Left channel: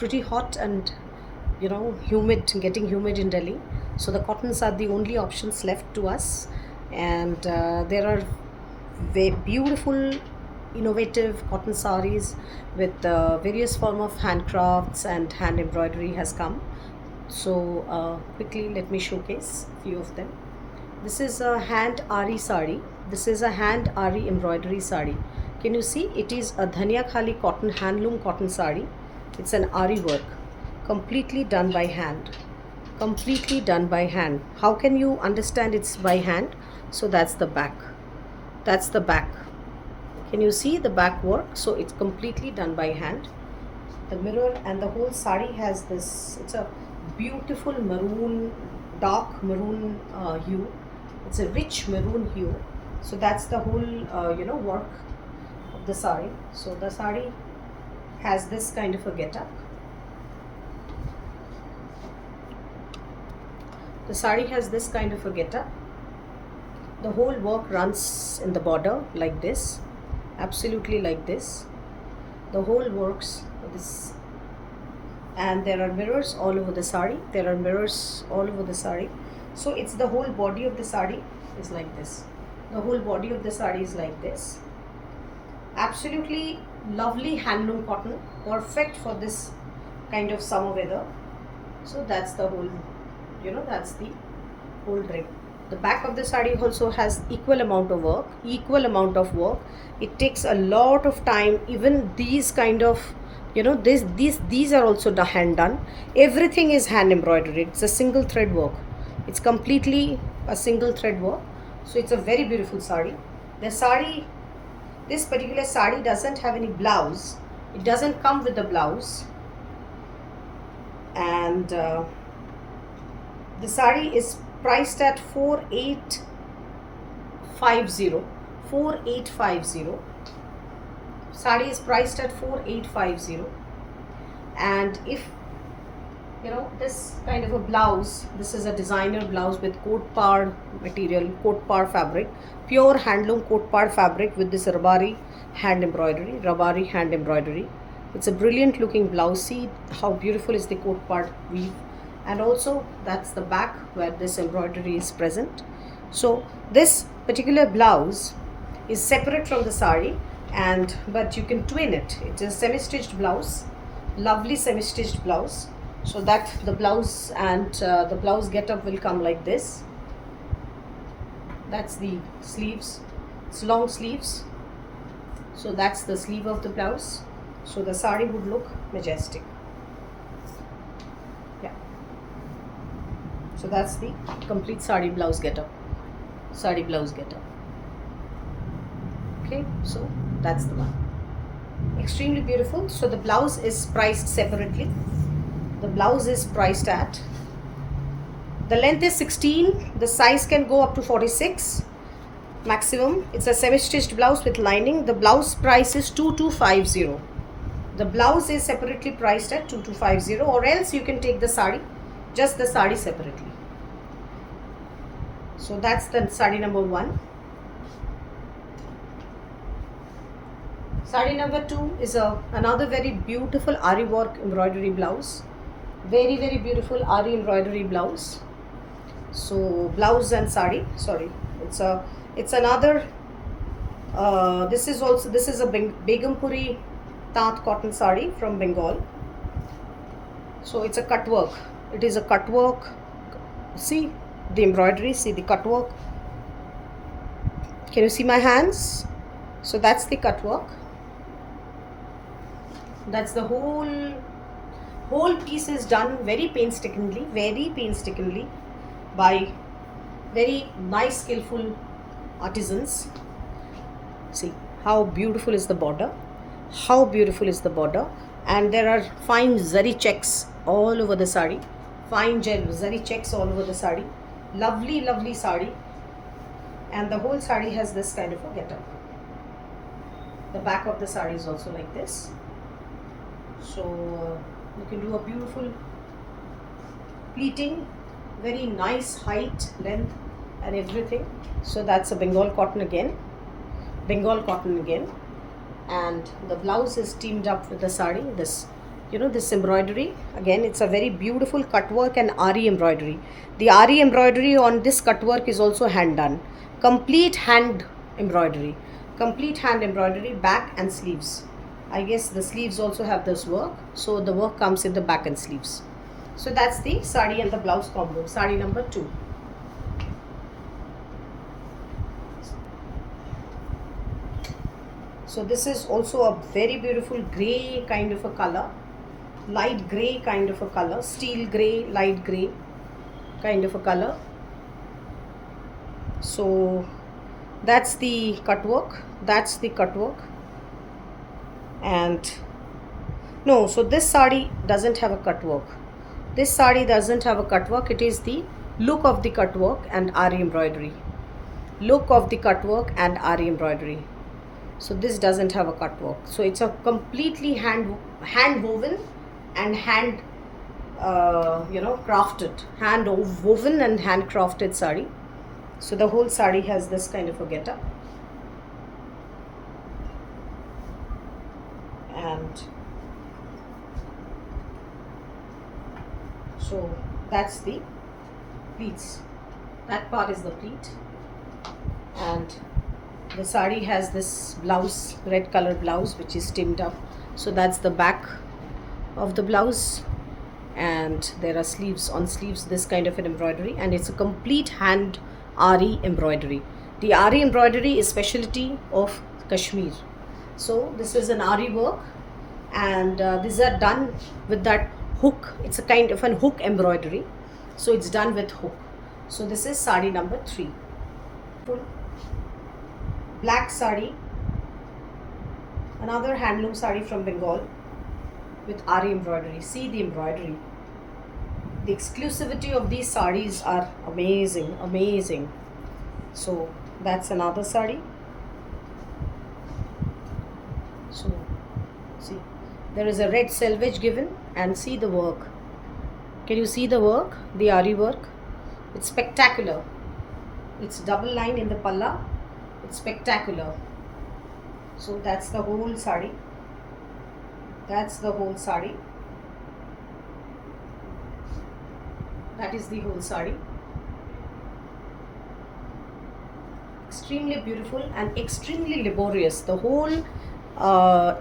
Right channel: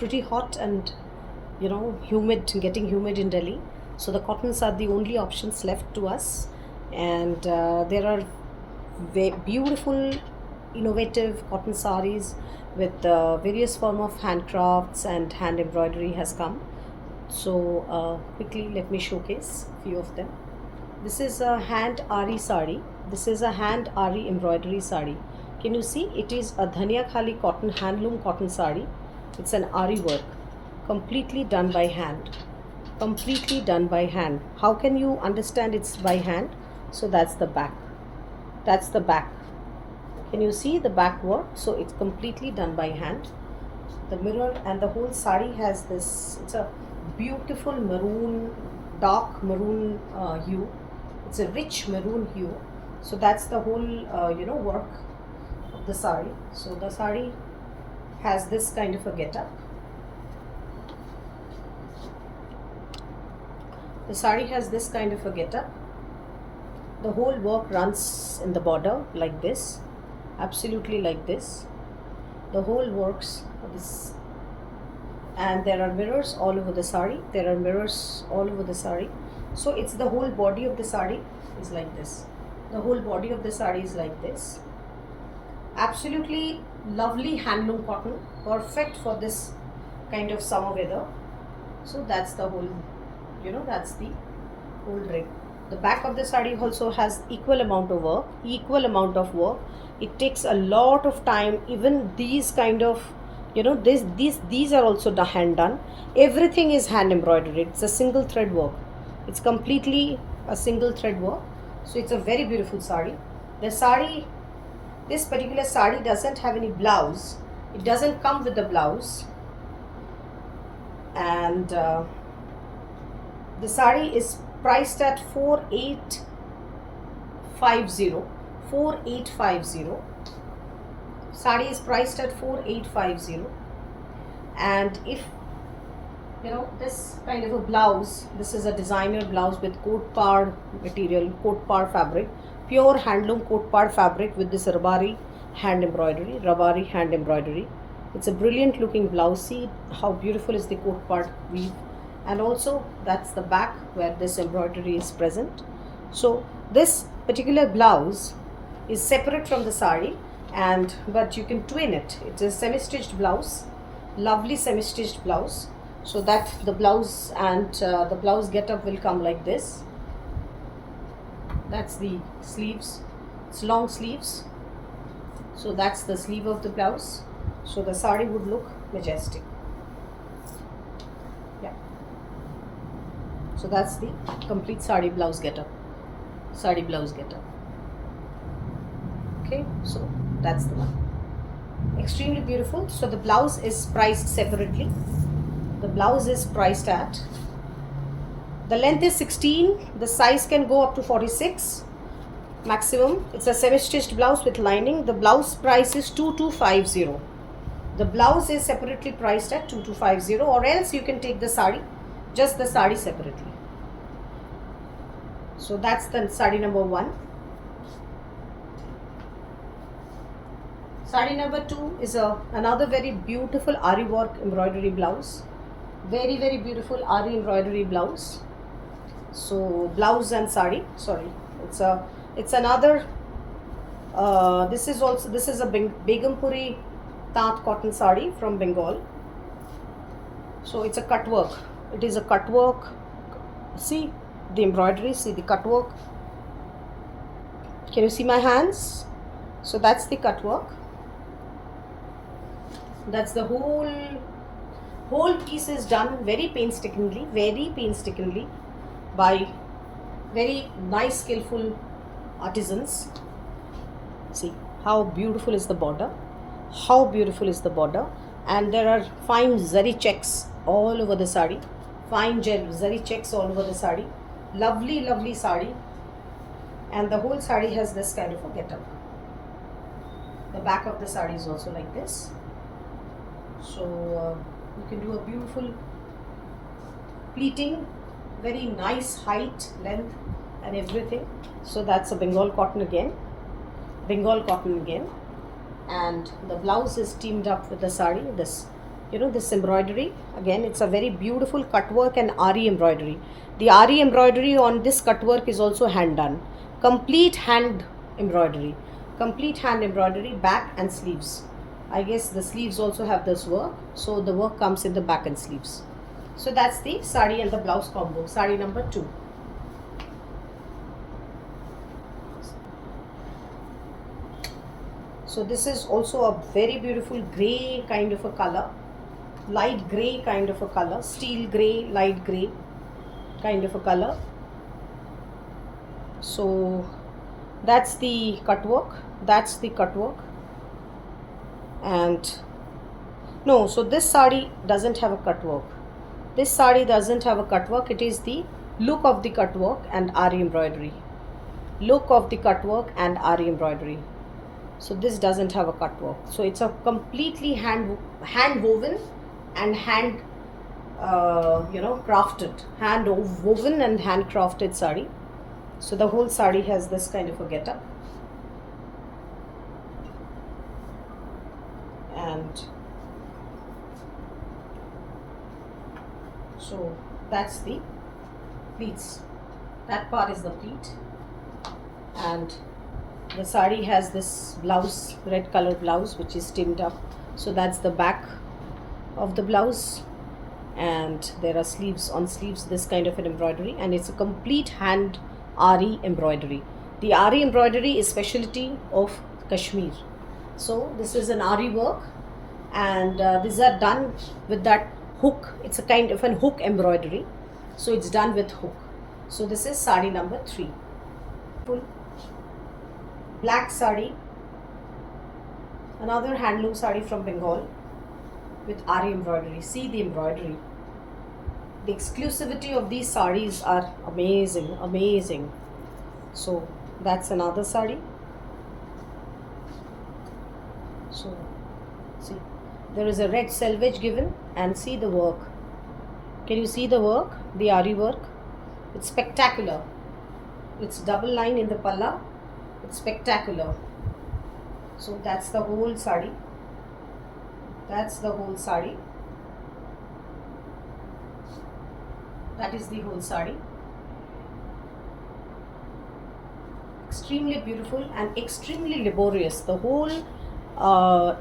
pretty hot and humid, getting humid in Delhi. So the cottons are the only options left to us, and there are beautiful, innovative cotton saris with various form of handcrafts and hand embroidery has come. So quickly, let me showcase few of them. This is a hand ari sari. This is a hand ari embroidery sari. Can you see? It is a dhania khali cotton, handloom cotton sari. It's an ari work, completely done by hand. Completely done by hand. How can you understand it's by hand? So that's the back. That's the back. Can you see the back work? So it's completely done by hand. The mirror and the whole sari has this. It's a beautiful maroon, dark maroon hue. It's a rich maroon hue. So that's the whole work of the sari. So the sari has this kind of a getup. The sari has this kind of a getup. The whole work runs in the border like this, absolutely like this. The whole works this, and there are mirrors all over the sari. There are mirrors all over the sari. So it's the whole body of the sari is like this. The whole body of the sari is like this. Absolutely lovely handloom cotton, perfect for this kind of summer weather. So that's the whole, that's the whole rig. The back of the sari also has equal amount of work, It takes a lot of time. Even these kind of, these are also hand done. Everything is hand embroidered. It's a single thread work. It's completely a single thread work. So it's a very beautiful sari. This particular sari doesn't have any blouse. It doesn't come with the blouse. And the sari is priced at 4850. Sari is priced at 4850. And if this kind of a blouse, this is a designer blouse with coat par material, coat par fabric, pure handloom coat par fabric with this rabari hand embroidery. It's a brilliant looking blouse. See how beautiful is the coat par weave. And also that's the back where this embroidery is present. So this particular blouse is separate from the sari, but you can twin it. It is semi-stitched blouse, lovely semi-stitched blouse. So that the blouse and the blouse getup will come like this. That's the sleeves. It's long sleeves. So that's the sleeve of the blouse. So the sari would look majestic. Yeah. So that's the complete sari blouse getup. Okay, so that's the one. Extremely beautiful. So the blouse is priced separately. The blouse is priced at, the length is 16, the size can go up to 46 maximum. It's a semi-stitched blouse with lining. The blouse price is 2250. The blouse is separately priced at 2250, or else you can take the sari, just the sari separately. So that's the sari number 1. Sari number 2 is another very beautiful ari work embroidery blouse. Very, very beautiful ari embroidery blouse. So blouse and sari, sorry, it's another this is a Begumpuri Tat cotton sari from Bengal. So it's a cut work. It is a cut work. See the embroidery, see the cut work. Can you see my hands? So that's the cut work. That's the whole piece is done very painstakingly by very nice, skillful artisans. See how beautiful is the border. And there are fine zari checks all over the sari. Lovely sari. And the whole sari has this kind of a getup. The back of the sari is also like this. So you can do a beautiful pleating, very nice height, length and everything. So that's a Bengal cotton again. And the blouse is teamed up with the sari, this this embroidery. Again, it's a very beautiful cut work and ari embroidery. The ari embroidery on this cut work is also hand done. Complete hand embroidery. Complete hand embroidery, back and sleeves. I guess the sleeves also have this work. So the work comes in the back and sleeves. So that's the sari and the blouse combo. Sari number 2. So this is also a very beautiful grey kind of a color, light grey kind of a color, steel grey, light grey kind of a color. So that's the cut work, that's the cut work. And no, so this sari doesn't have a cut work. This sari doesn't have a cut work. It is the look of the cut work and ari embroidery. Look of the cut work and ari embroidery. So this doesn't have a cut work. So it's a completely hand woven and hand crafted, hand woven and hand crafted sari. So the whole sari has this kind of a getup. And so that's the pleats. That part is the pleat. And the sari has this blouse, red color blouse, which is tinned up. So that's the back of the blouse. And there are sleeves, on sleeves this kind of an embroidery, and it's a complete hand ari embroidery. The ari embroidery is specialty of Kashmir. So this is an ari work, and these are done with that hook. It's a kind of an hook embroidery, so it's done with hook. So this is sari number 3. Full black sari, another handloom sari from Bengal with ari embroidery. See the embroidery. The exclusivity of these saris are amazing, amazing. So that's another sari. So see, there is a red selvage given, and see the work. Can you see the work? The ari work. It's spectacular. It's double line in the palla. It's spectacular. So that's the whole sari. That's the whole sari. That is the whole sari. Extremely beautiful and extremely laborious. The whole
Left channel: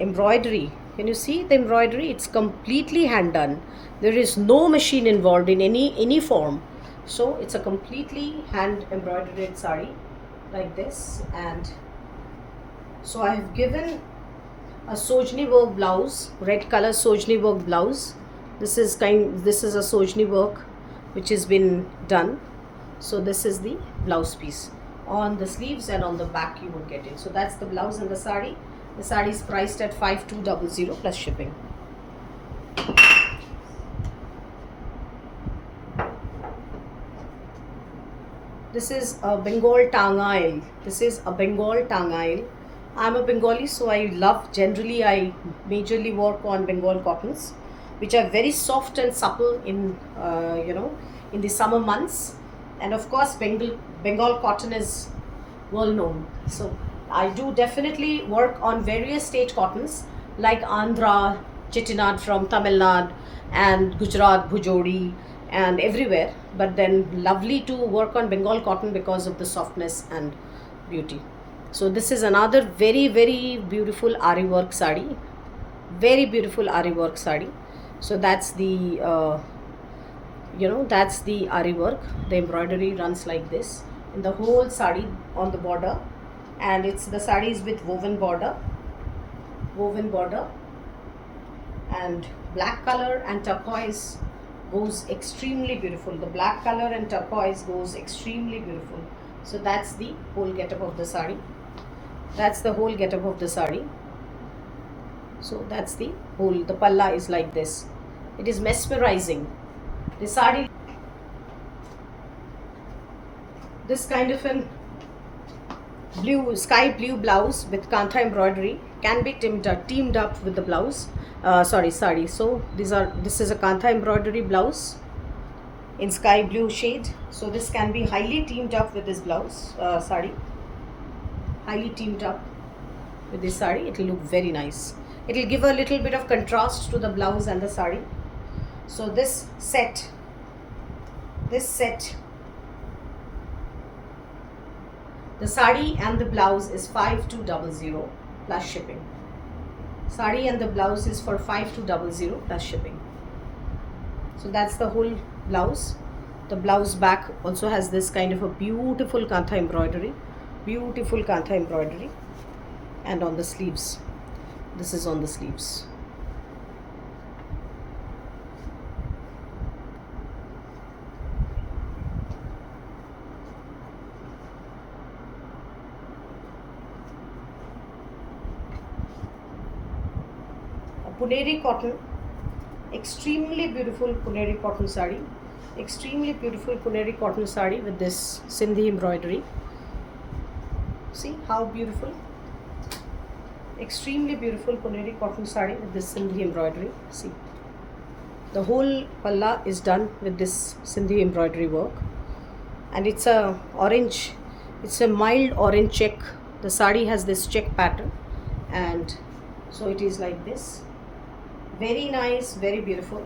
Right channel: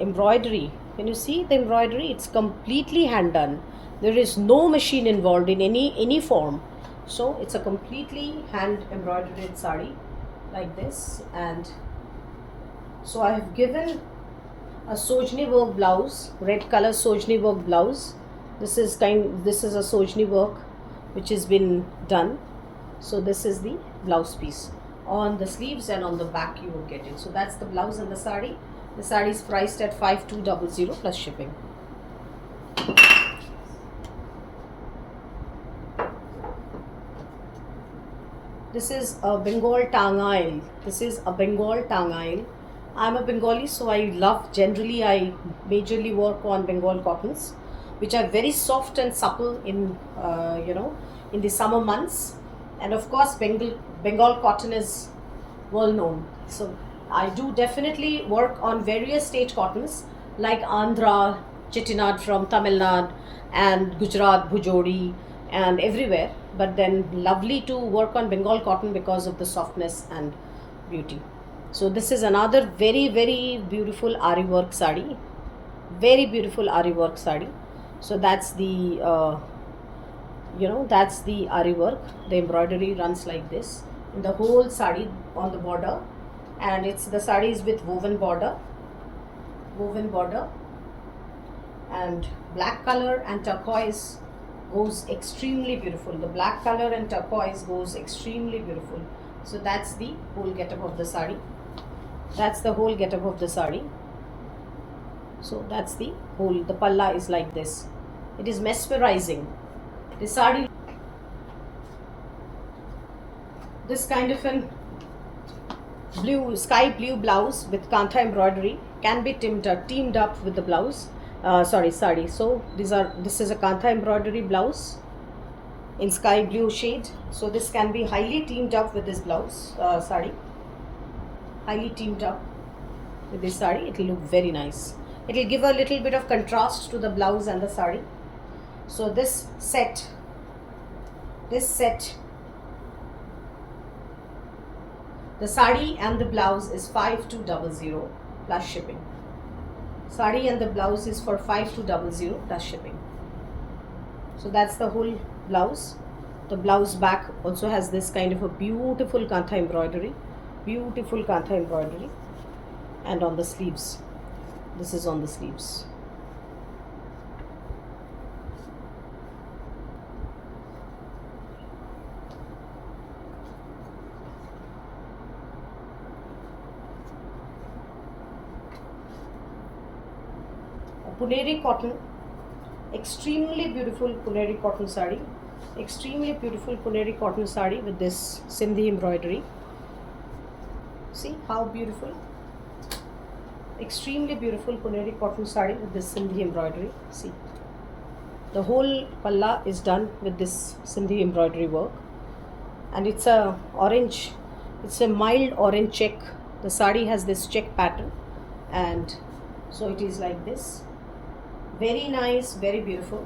embroidery. Can you see the embroidery? It's completely hand done. There is no machine involved in any form. So it's a completely hand embroidered sari like this. And so I have given a Sojni work blouse, red color Sojni work blouse. This is a Sojni work which has been done. So this is the blouse piece. On the sleeves and on the back you will get it. So that's the blouse and the sari. The sari is priced at 5200 plus shipping. This is a Bengal Tangail. This is a Bengal Tangail. I'm a Bengali, so I majorly work on Bengal cottons, which are very soft and supple in in the summer months. And of course, Bengal cotton is well known. So I do definitely work on various state cottons like Andhra, Chettinad from Tamil Nadu, and Gujarat, Bhujodi, and everywhere. But then lovely to work on Bengal cotton because of the softness and beauty. So this is another very, very beautiful ari work sari. Very beautiful ari work sari. So that's the that's the ari work. The embroidery runs like this in the whole sari on the border, and the sari is with woven border, and black color and turquoise goes extremely beautiful. The black color and turquoise goes extremely beautiful. So that's the whole getup of the sari. That's the whole getup of the sari. So that's the whole. The palla is like this. It is mesmerizing. The sari, this kind of an sky blue blouse with kantha embroidery can be teamed up with the blouse. Sari. So this is a kantha embroidery blouse in sky blue shade. So this can be highly teamed up with this blouse sari. Highly teamed up with this sari, it will look very nice. It will give a little bit of contrast to the blouse and the sari. So this set, the sari and the blouse is 5200 plus shipping. Sari and the blouse is for 5200 plus shipping. So that's the whole blouse. The blouse back also has this kind of a beautiful kantha embroidery, and on the sleeves, this is on the sleeves. Puneri cotton, extremely beautiful Puneri cotton sari, extremely beautiful Puneri cotton sari with this Sindhi embroidery. See how beautiful, extremely beautiful Puneri cotton sari with this Sindhi embroidery. See, the whole palla is done with this Sindhi embroidery work, and it's a orange, it's a mild orange check. The sari has this check pattern, and so it is like this. Very nice, very beautiful.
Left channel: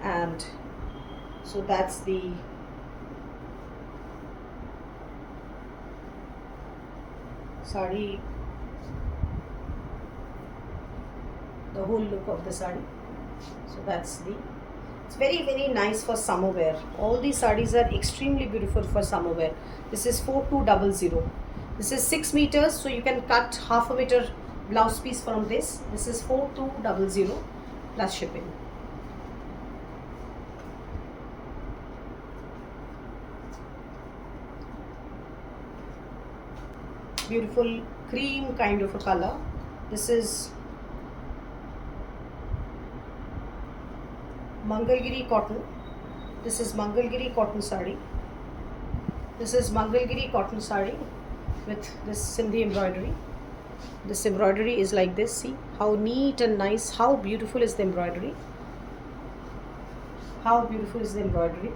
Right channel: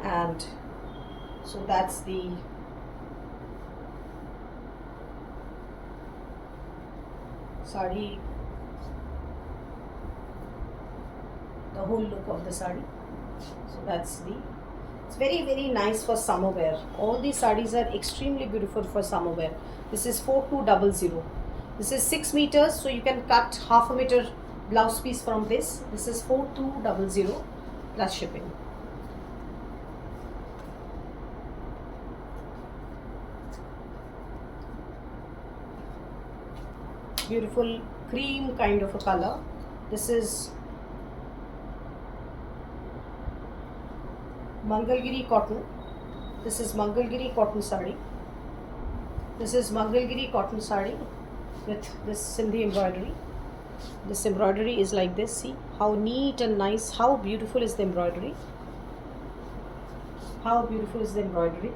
And so that's the sari, the whole look of the sari. So that's the, it's very, very nice for summer wear. All these sarees are extremely beautiful for summer wear. This is 4200. This is 6 meters, so you can cut half a meter blouse piece from this. This is 4200 plus shipping. Beautiful cream kind of a color. This is Mangalgiri cotton. This is Mangalgiri cotton sari. This is Mangalgiri cotton sari with this Sindhi embroidery. This embroidery is like this. See how neat and nice, how beautiful is the embroidery. How beautiful is the embroidery.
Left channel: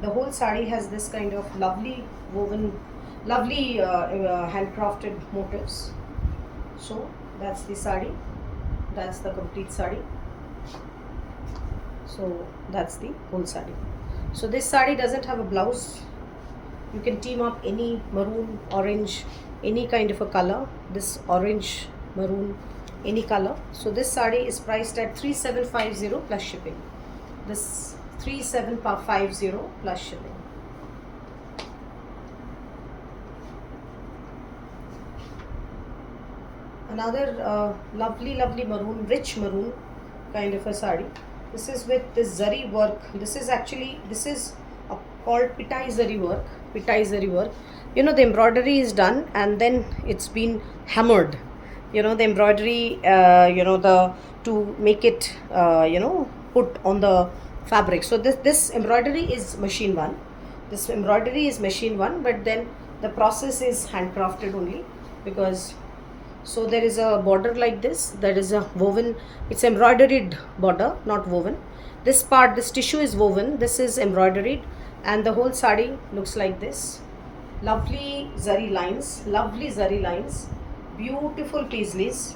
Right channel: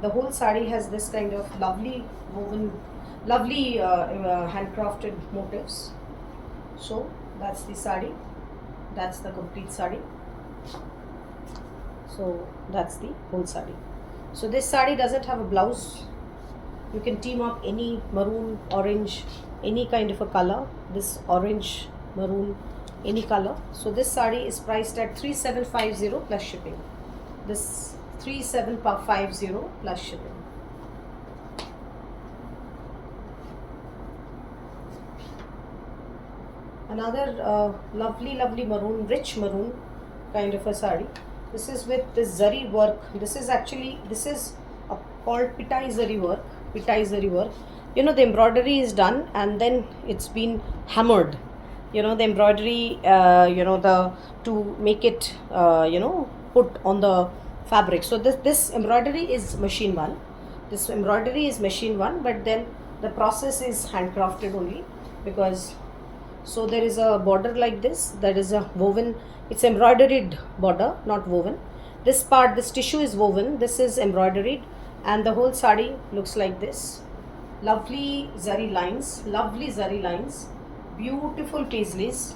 The whole sari has this kind of lovely woven, lovely handcrafted motifs. So that's the sari, that's the complete sari. So that's the whole sari. So this sari doesn't have a blouse. You can team up any maroon, orange, any kind of a color. This orange, maroon, any color. So this sari is priced at 3750 plus shipping. This 3750 plus shipping. Another lovely maroon, rich maroon kind of a sari. This is with this zari work. This is called pitai zari work. Pitai zari work. You know, the embroidery is done and then it's been hammered. You know, the embroidery, to make it, put on the fabric. So this embroidery is machine one. This embroidery is machine one, but then the process is handcrafted only, because so there is a border like this. That is a woven. It's embroidered border, not woven. This part, this tissue is woven. This is embroidered, and the whole sari looks like this. Lovely zari lines, beautiful paisleys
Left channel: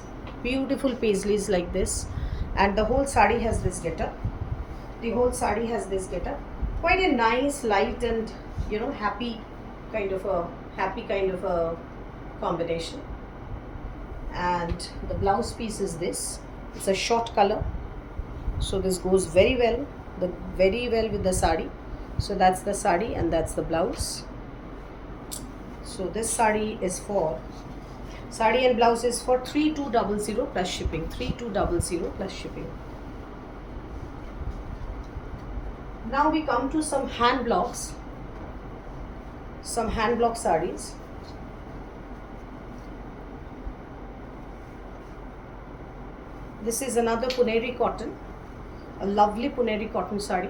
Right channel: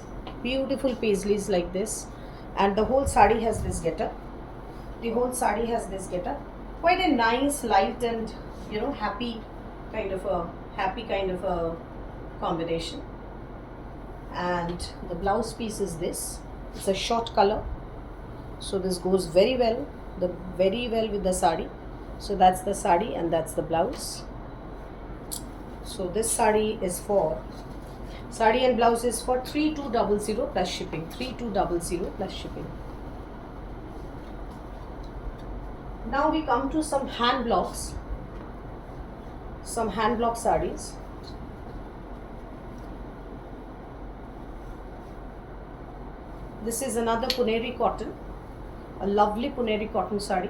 like this, and the whole sari has this getup. Quite a nice, light, and happy kind of a combination. And the blouse piece is this. It's a short color, so this goes very well with the sari. So that's the sari and that's the blouse. So this sari and blouse is for 3200 plus shipping. 3200 plus shipping. Now we come to some hand blocks. Some hand block saris. This is another Puneri cotton, a lovely Puneri cotton sari.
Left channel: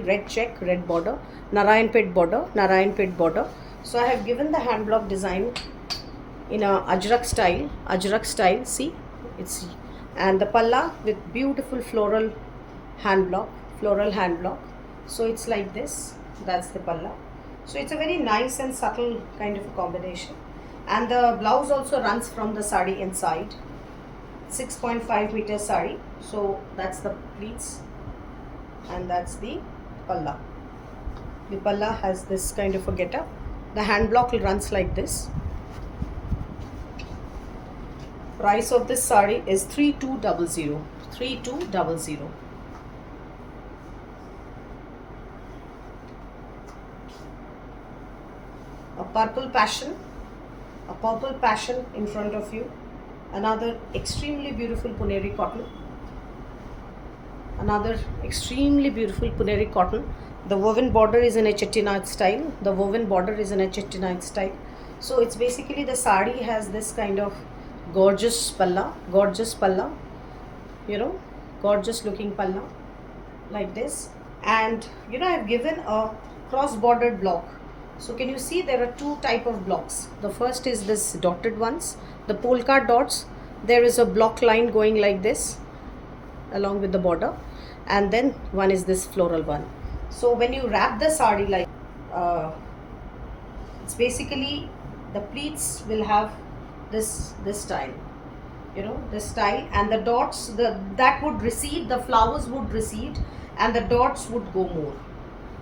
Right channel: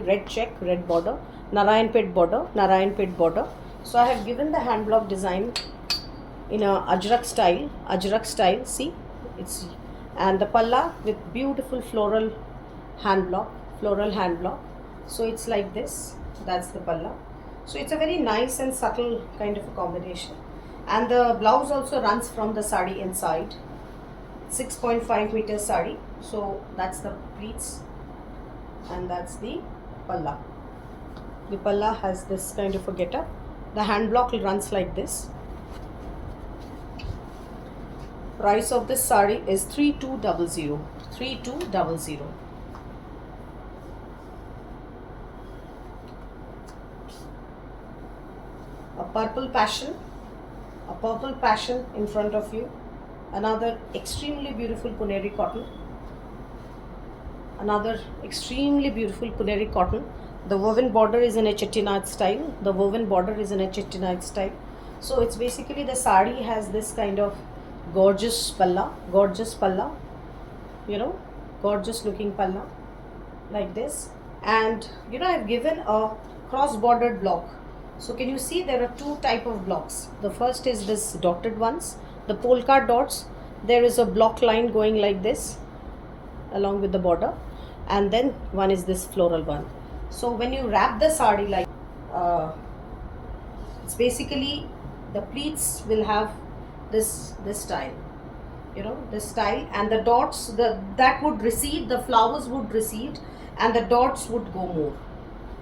Red check, red border, Narayanpet border. So I have given the hand block design in a ajrak style. See, it's, and the palla with beautiful floral hand block. So it's like this. That's the palla. So it's a very nice and subtle kind of a combination. And the blouse also runs from the sari inside. 6.5 meter sari. So that's the pleats, and that's the palla. The palla has this kind of a getup. The hand block runs like this. Price of this sari is 3200. 3200. A purple passion in front of you. Another extremely beautiful Puneri cotton. Another extremely beautiful Puneri cotton. The woven border is in a Chettinad style. So it's basically, the sari has this kind of gorgeous palla, gorgeous looking palla like this. And I've given a cross bordered block. So can you see there are two type of blocks. The first is this dotted ones, the polka dots. There is a block line going like this along with the border, and then one is this floral one. So when you wrap the sari like it's basically, the pleats will have this style, this style, and the dots, that would recede, the flowers would recede, and the dots would go more.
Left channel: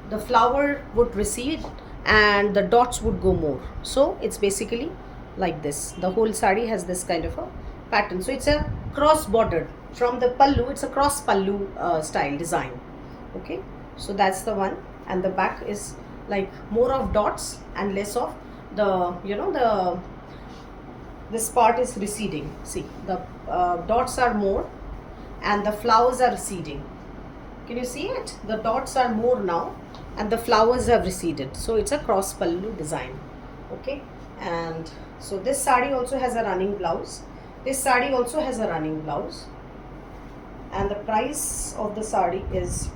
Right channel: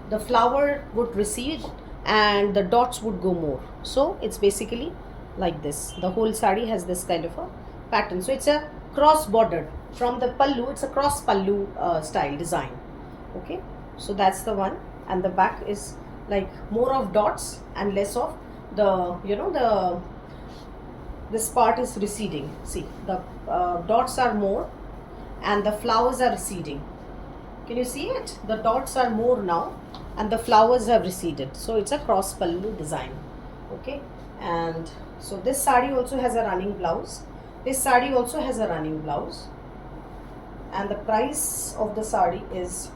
The flower would recede and the dots would go more. So it's basically like this. The whole sari has this kind of a pattern. So it's a cross bordered from the pallu. It's a cross pallu style design. Okay, so that's the one. And the back is like more of dots and less of the this part is receding. See, the dots are more and the flowers are receding. Can you see it? The dots are more now and the flowers have receded. So it's a cross pallu design. Okay, and so this sari also has a running blouse. And the price of the sari is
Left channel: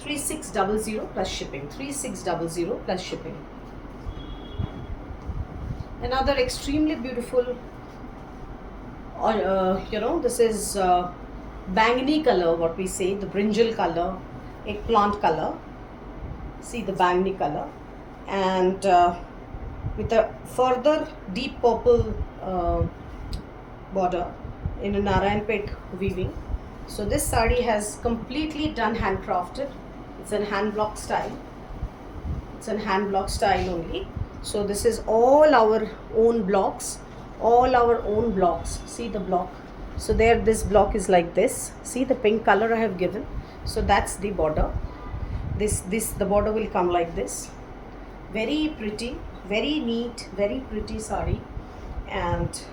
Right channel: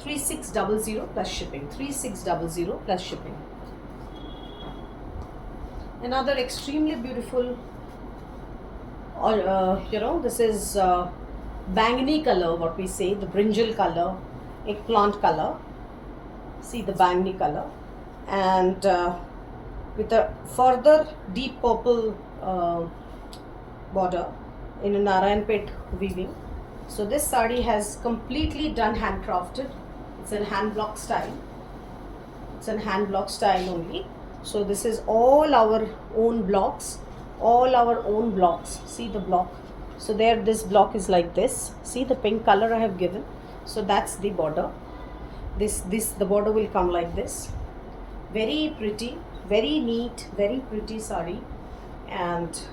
3600 plus shipping. 3600 plus shipping. Another extremely beautiful, this is bangni color, what we say, the brinjal color, eggplant color. See the bangni color, and with a further deep purple border in a Narayanpet weaving. So this sari has completely done handcrafted. It's in hand block style. Only. So this is all our own blocks. See the block. So there, this block is like this. See the pink color I have given. So that's the border. The border will come like this. Very pretty, very neat, very pretty sari. And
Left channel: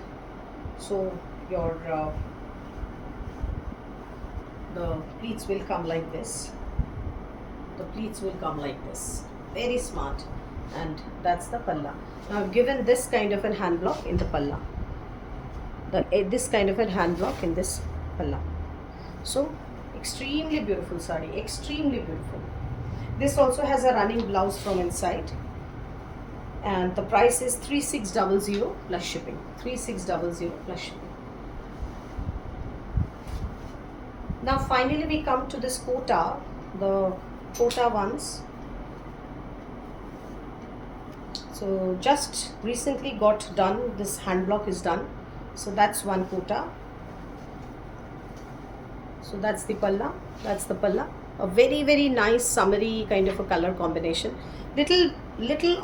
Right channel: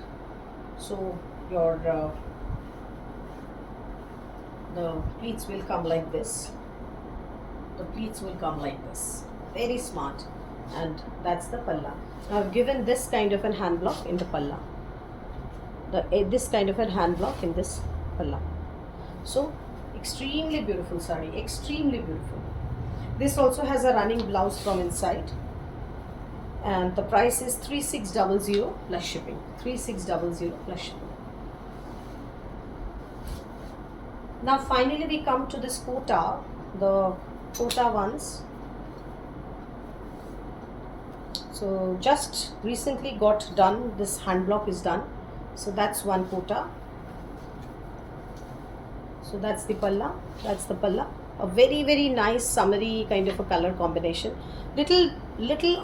so your the pleats will come like this. Very smart. And that's the palla. Now I've given this kind of a hand block in the palla. This kind of a hand block in this palla. So extremely beautiful sari, extremely beautiful. This also has a running blouse from inside, and the price is 3600 plus shipping. 3600 plus shipping. Now finally we come to this kota, the kota ones. So just recently got done, this hand block is done. So that's one kota. So that's the palla. A very, very nice summery kind of a color combination. Little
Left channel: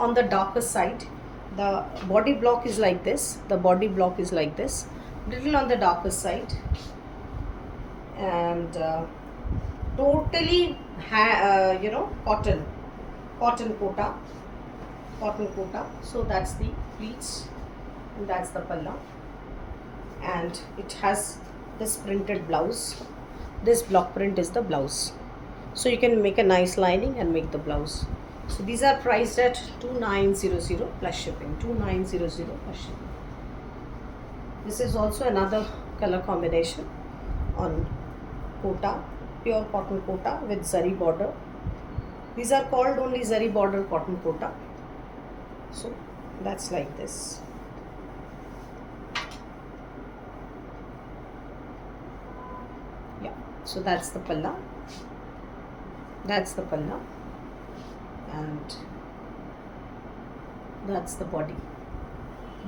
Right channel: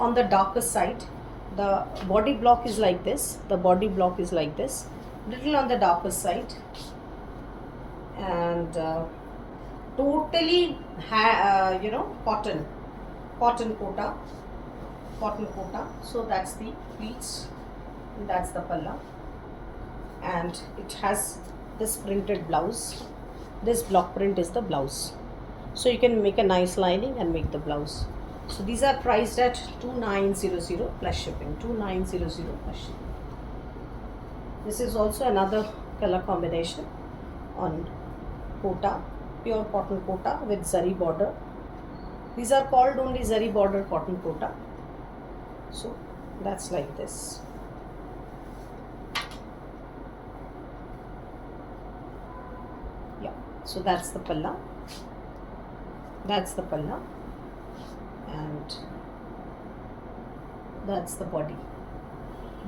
on the darker side. The body block is like this. Little on the darker side. And totally cotton kota. So that's the pleats and that's the palla, and it has this printed blouse. This block print is the blouse, so you can make a nice lining and make the blouse. So these are priced at 2900 plus shipping. 2900 plus shipping. This is also another color combination on kota, pure cotton kota with zari border. These are called only zari border cotton kota. So that's like this. Yeah, so that's the palla. And that's the body.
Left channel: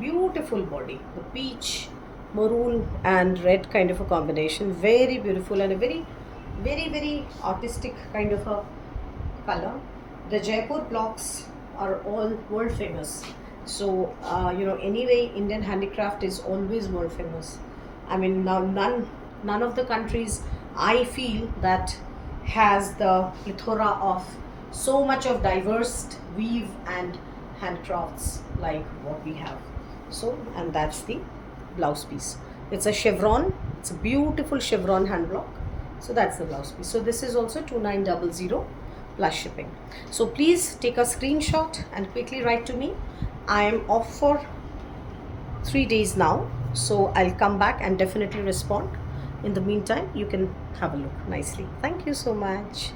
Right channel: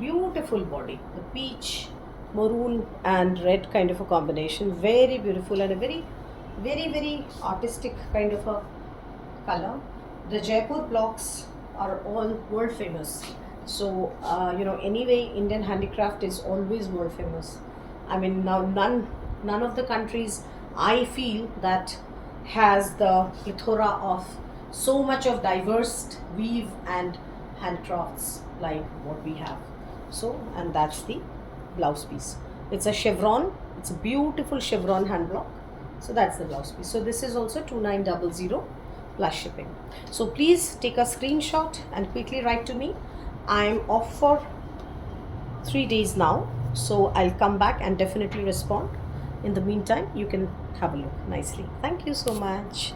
Beautiful body, the peach, maroon and red kind of a combination, very beautiful and a very artistic kind of a color. The Jaipur blocks are all world famous. So anyway, Indian handicraft is always world famous. I mean, now none of the countries I feel that has the plethora of so much of diverse weave and handcrafts like what we have. So, and that's the blouse piece. It's a chevron. It's a beautiful chevron hand block. So that's the blouse piece. So this is also 2900 plus shipping. So please take a screenshot and quickly write to me. I am off for 3 days now, so I'll come back and definitely respond. In the meantime, you can have a look nicely. Thank you so much.